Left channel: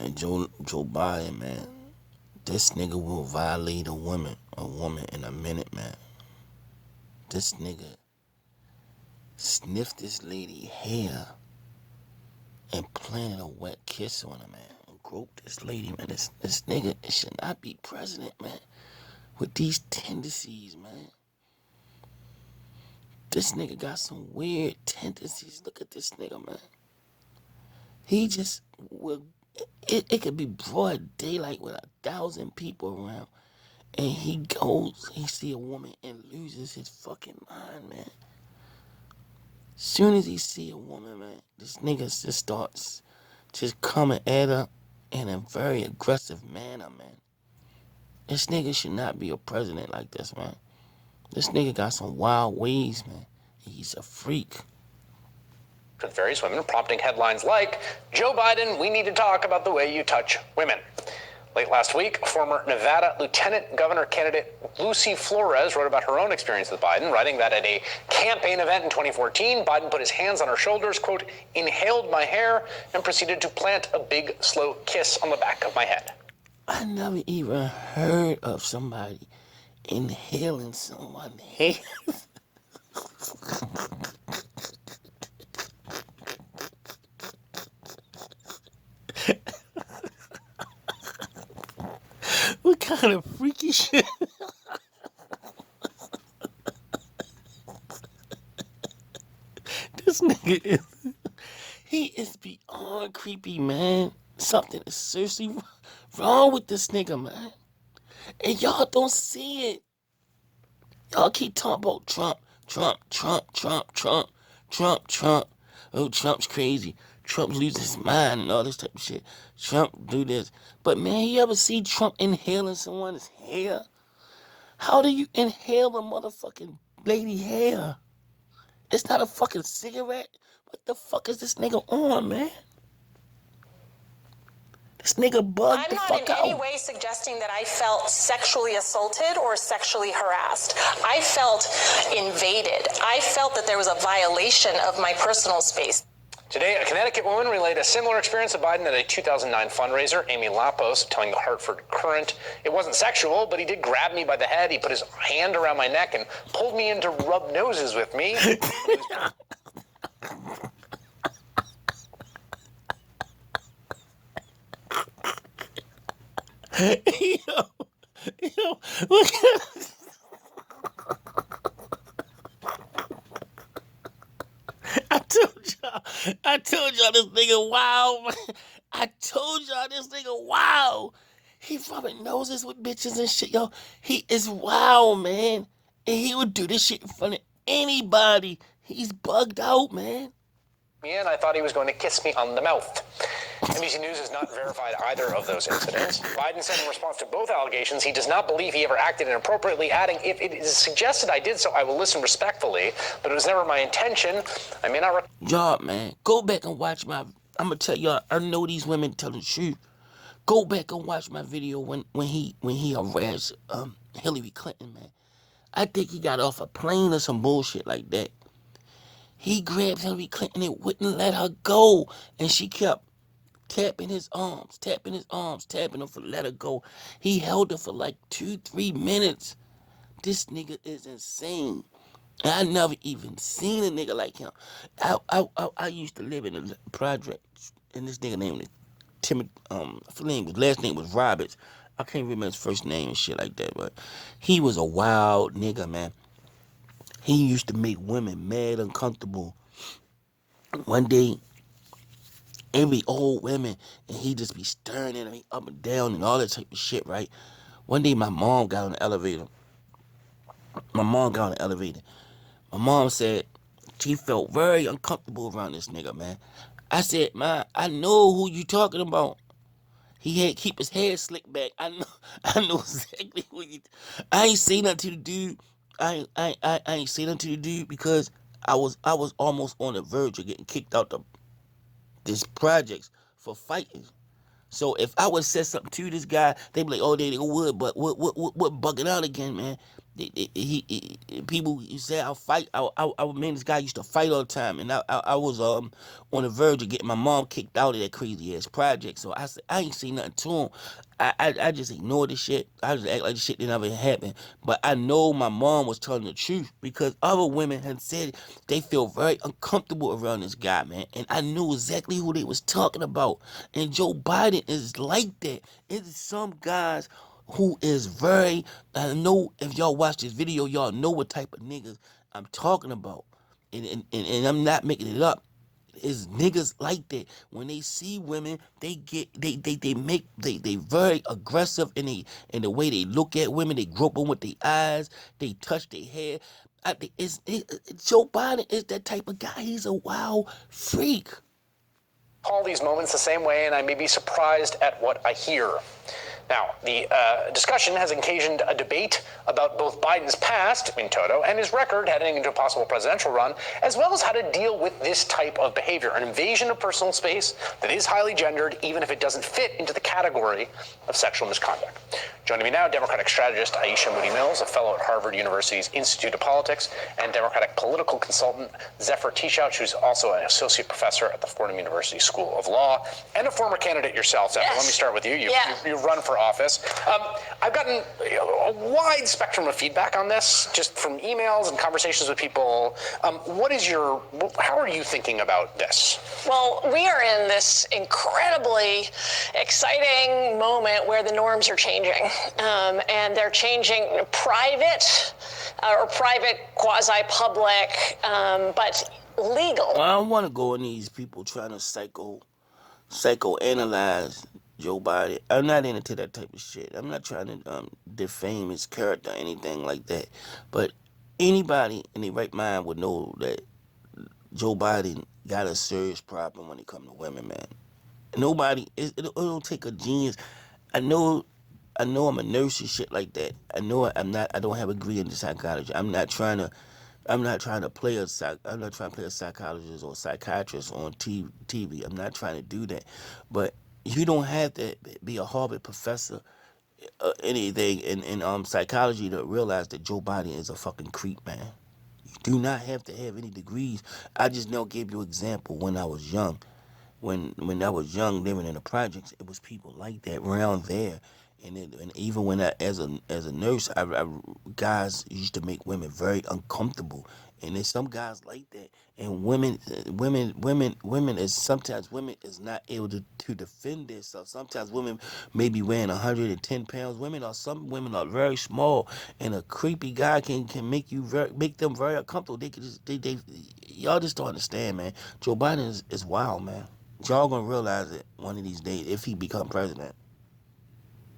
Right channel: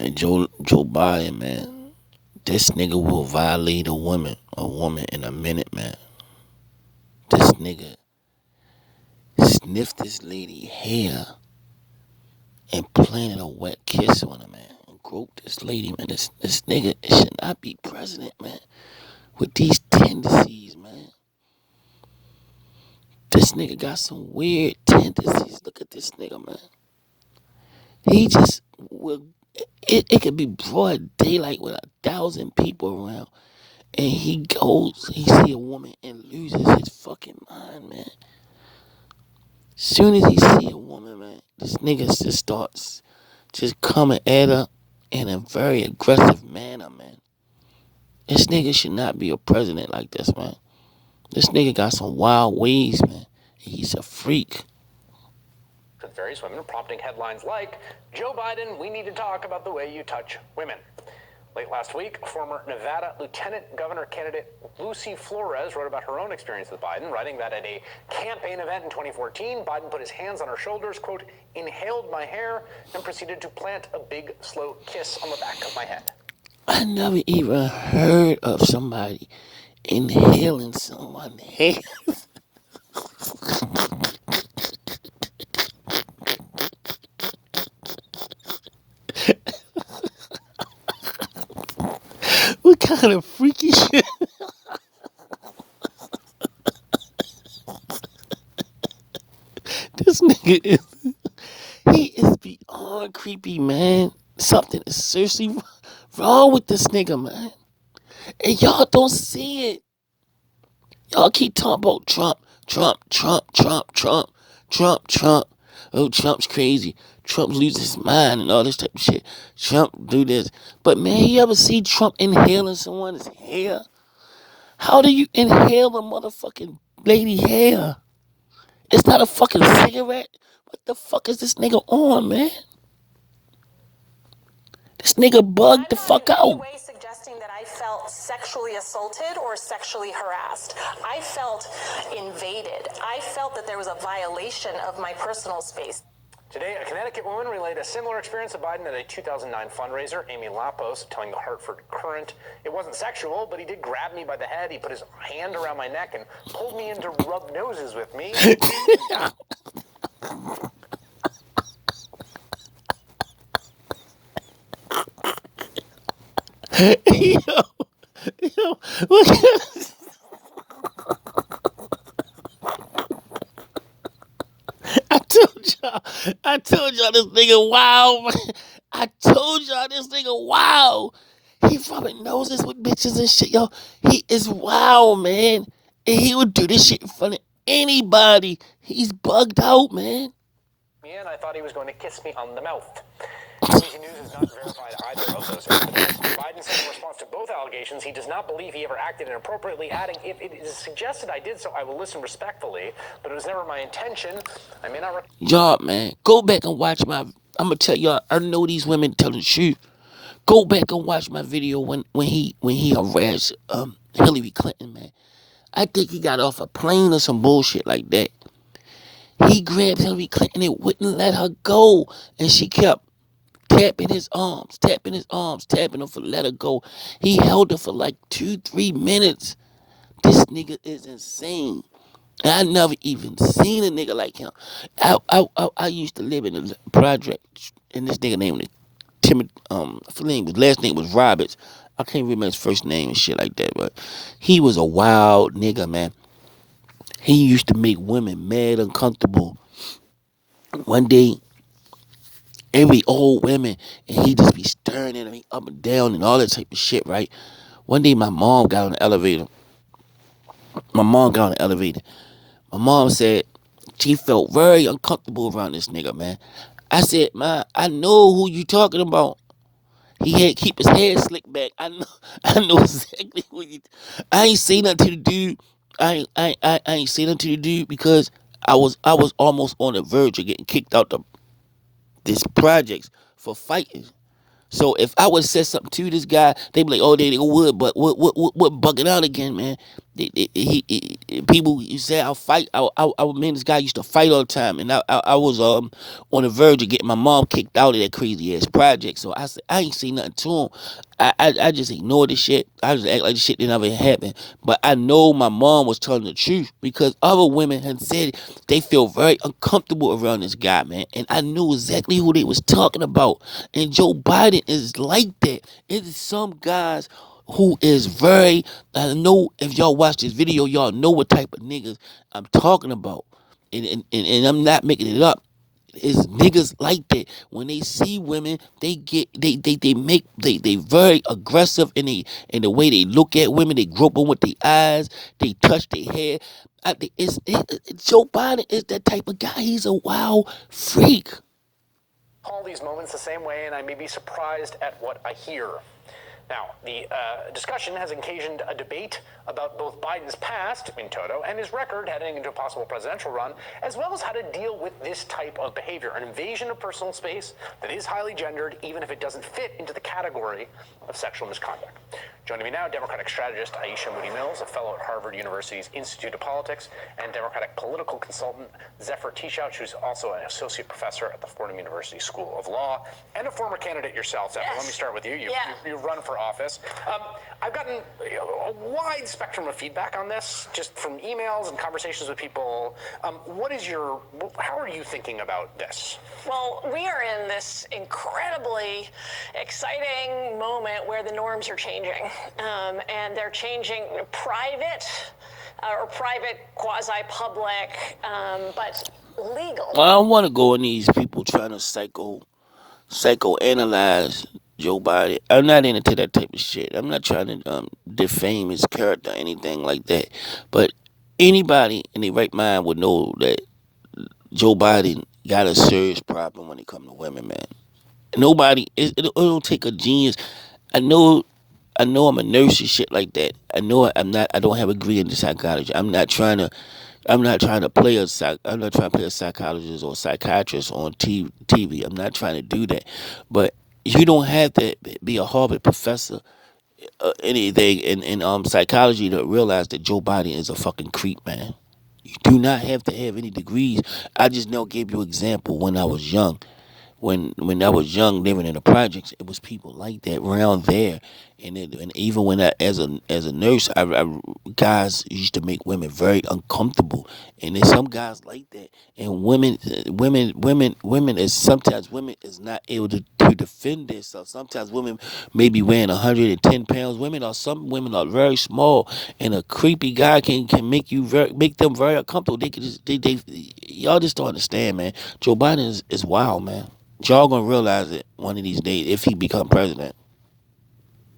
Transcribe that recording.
And Joe Biden, man, this nigga will violate a woman in a minute, man. This nigga sniffed this lady hair and planted a wet kiss on her, man. And groped this lady, man. This nigga should not be president, man. With these tendencies, man. This nigga got some weird tendencies. Look at this nigga, man. He just will. It could be broad daylight with 1,000 people around, and he see a woman and loses his fucking mind, man. Soon as he see a woman, man, this nigga just starts just coming at her in a very aggressive manner, man. This nigga should not be a president like this, man. This nigga got some wild ways, man. He's a freak. With various women, prompting headlines like, Joe Biden, we need to talk about the way you touch women. Late last week, former Nevada Lieutenant Governor candidate Lucy Flores wrote about her own experience with Biden, writing that at a campaign event in 2014, Biden put his hands on her shoulders, quote, inhaled my hair, and proceeded to plant a big, slow kiss on the back of my head. I never even heard of somebody inhaling someone's hair. What kind of freaky shit? This nigga he is beyond creepy, man. Something is seriously wrong with this nigga, man. And y'all don't see it. Y'all keep talking about Trump, Trump, Trump, Trump, Trump, Trump, Trump. Oh, Trump's crazy. Trump loses his mind and all this type of shit. Trump do this. But man, you ever see Trump inhaling someone's hair? How do you inhale a motherfucking lady hair? It's not a fucking cigarette. What the fuck is this nigga on, man? This nigga bugged the fuck out. I'm not in any way suggesting that I felt sexually assaulted or sexually harassed. I felt invaded. I felt that there was a violation of my personal space. Today, a Connecticut woman relayed a similar experience of Biden at a 2009 fundraiser. Amy Lapos telling the Hartford Courant, it wasn't sexual, but he did grab me by the head. He put his hand around my neck and pulled me in to rub noses with me. Yo, look. I told y'all this nigga wow. I told y'all this nigga wow. He rubbing noses with bitches and shit, yo. He is wow, man. And he would do this shit in front of anybody. He's bugged out, man. And I thought he was going to kiss me on the mouth. NBC News has not verified either of those incidents. Biden said in response to both allegations he does not believe he ever acted inappropriately, adding, if it is suggested I did so, I will listen respectfully, but it was never my intention. I may not... Y'all, man, go back and watch my... I'm going to tell y'all, I know these women tell the truth. Go back and watch my video when he harassed Hillary Clinton, man. I think he got off a plane or some bullshit like that. He grabbed Hillary Clinton and wouldn't let her go. And she kept tapping his arms, tapping her for let her go. He held her for like 2-3 minutes. This nigga is insane. And I never even seen a nigga like him. I used to live in a project, and this nigga named Timothy, his last name was Roberts. I can't remember his first name and shit like that, but he was a wild nigga, man. He used to make women mad uncomfortable. One day, every old women, and he just be staring at me up and down and all that type of shit, right? One day, my mom got on the elevator. My mom said she felt very uncomfortable around this nigga, man. I said, Ma, I know who you talking about. He had to keep his hair slicked back. I know exactly who you. I ain't say nothing to the dude. I ain't say nothing to the dude because I was almost on the verge of getting kicked out of this projects for fighting. So if I would have said something to this guy, they'd be like, oh, they would, but what bugging out again, man? People you say I'll fight. Man, this guy used to fight all the time, and I was on the verge of getting my mom kicked out of that crazy ass project. So I said I ain't say nothing to him. I just ignored the shit. I just act like the shit didn't ever happen. But I know my mom was telling the truth because other women had said they feel very uncomfortable around this guy, man. And I knew exactly who they was talking about. And Joe Biden is like that. It is some guys who is very, I know if y'all watch this video, y'all know what type of niggas I'm talking about. And I'm not making it up. It's niggas like that. When they see women, they very aggressive in the way they look at women. They grope them with their eyes. They touch their hair. Joe Biden is that type of guy. He's a wild freak. All these moments the same way, and I may be surprised at what I hear. Now, the discussion has occasioned a debate about both Biden's past, in toto, and his record heading into a possible presidential run, as well as how to deal with this type of behavior, an invasion of personal space that is highly gendered, even if it doesn't fit into the category of sexual misconduct. Joining me now, Democratic strategist Aisha Moody Mills, a fellow at Harvard University's Institute of Politics, and Democratic political consultant Zephyr Teachout, who's also an associate professor at the Fordham University School of Law, and a former candidate yourself, Zephyr. Yes. Let me start with you. You run for office. I've gotten a wide spectrum of feedback on this, just from emails and conversations with people. How are you thinking about this? Well, we are in this incredibly exciting moment where the norms are changing, and they're changing private or private quasi-public, but legal. I don't want to go in these people trying to psychoanalyze Joe Biden. I'm not into that type of shit. I'm not trying to defame his character or anything like that. But anybody in their right mind would know that Joe Biden got a serious problem when it comes to women, man. It don't take a genius. I know I'm a nurse and shit like that. I don't have a degree in psychology. I'm not trying to play a psychologist or psychiatrist on TV. I'm not trying to do that. But you don't have to be a Harvard professor or anything in psychology to realize that Joe Biden is a fucking creep, man. You do not have to have any degrees. I just now gave you an example when I was young. When I was young, living in the projects, it was people like that around there, and even when as a nurse, guys used to make women very uncomfortable, and there's some guys like that, and women is sometimes women is not able to defend themselves. Sometimes women may be weighing 110 pounds. Some women are very small, and a creepy guy can make them very uncomfortable. They can just y'all just don't understand, man. Joe Biden is wild, man. Y'all gonna realize it one of these days if he become president.